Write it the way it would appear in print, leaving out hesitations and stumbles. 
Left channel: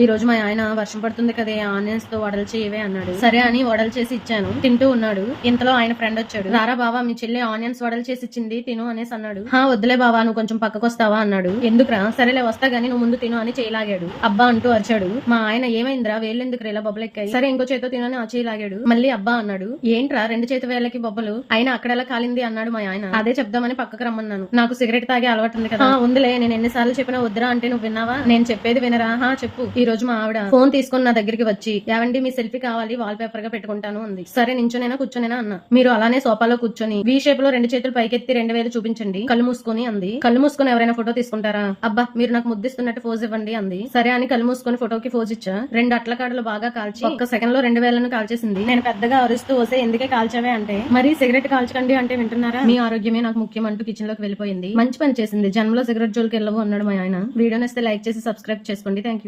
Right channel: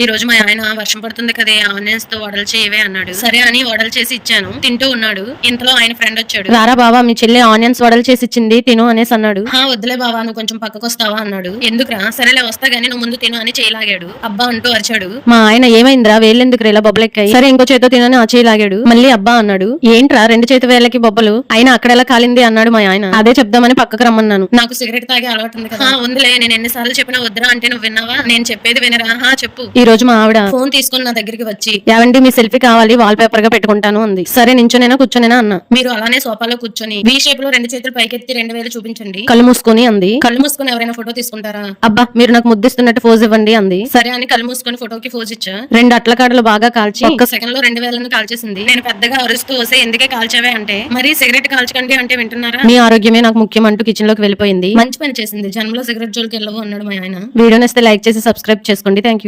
ఈ రోజు మా ఆయన వర్షం పడుతుంది కదే ఆనియన్స్ తో వడలు చేయవే అన్నాడు. సరే అని వడలు చేసి ఇచ్చాను. తింటూ ఉన్నాడు. ఇంతలో ఆయన ఫ్రెండ్ వచ్చాడు. రారా బావా, మీ చెల్లి ఆనియన్స్ వడలు చేసి ఇచ్చింది, తిను అనేసి అన్నాడు. వద్దులే బావా, నువ్వు కొంచెం పక్కకు వస్తావా అన్నాడు. ఎందుకురా? సరేలే వస్తా గానీ నువ్వు ముందు తిను అని చేయలాగాడు. అబ్బా అంటూ అరిచాడు. మా ఆయన ఏమైందిరా, వేళ్ళెందుకు ఇలా బొబ్బలెక్కాయి? సరే ఇంకో చేతో తినని ఆ చేయలాగాడు. మళ్ళీ అబ్బా అన్నాడు. ఏంట్రా రెండు చేతి వేళ్ళకి బొబ్బలు? అయినా అక్కడెలా కాలింది అన్నాడు మా ఆయన. అదే చెప్దామని పక్కకు రమ్మన్నాను. నాకు సిగరెట్ తాగే అలవాటు ఉంది కదా. ఉందిలే, నేను ఎన్నిసార్లు చెప్పినా వద్దురా అంటే నువ్వు విన్నావా? నేను చెప్పేది వినరా? చెప్పు. ఈ రోజు మా ఆవిడ ఫోన్ తీసుకుని నా దగ్గరికి వచ్చి, ఏవండి మీ సెల్ఫీ కావాలి, వాల్ పేపర్ గా పెట్టుకుంటాను అంది. సరే నించోనేనా కూర్చోనేనా అన్నా. మీరు అలానే సోఫాలో కూర్చొని వి షేప్ లో రెండు చేతులు పైకెత్తి 2000 చూపించండి. కళ్ళు మూసుకొని అంది. కళ్ళు మూసుకొని ఎవరైనా ఫోటో తీసుకుంటారా? అబ్బా మీరు నాకు ముద్దిస్తున్నట్టు ఫోజ్ ఇవ్వండి అంది. సరే అని కళ్ళు మూసుకొని ఫోటోకి ఫోజ్ ఇచ్చా. 2 అట్ల కాడలు బాగా కాల్చి ఒక్క సెకండ్ లో 2000 కాల్చేసింది. నేను పెద్దగా అరుస్తూ వస్తే ఎందుకే కాల్చావే అంటే, మరి సిగరెట్ కాల్చకండి అంటే వింటున్నారా? మీ ఆరోగ్యమే నాకు ముఖ్యం అంటూ కిచెన్ లోకి వెళ్ళిపోయింది. మంచి పని చేసింది, జన్మలో సిగరెట్ జోలికి వెళ్ళవు అన్నాడు మా ఆయన. వీడియో నచ్చితే లైక్ చేసి సబ్స్క్రైబ్ చేసుకోండి. Thank you.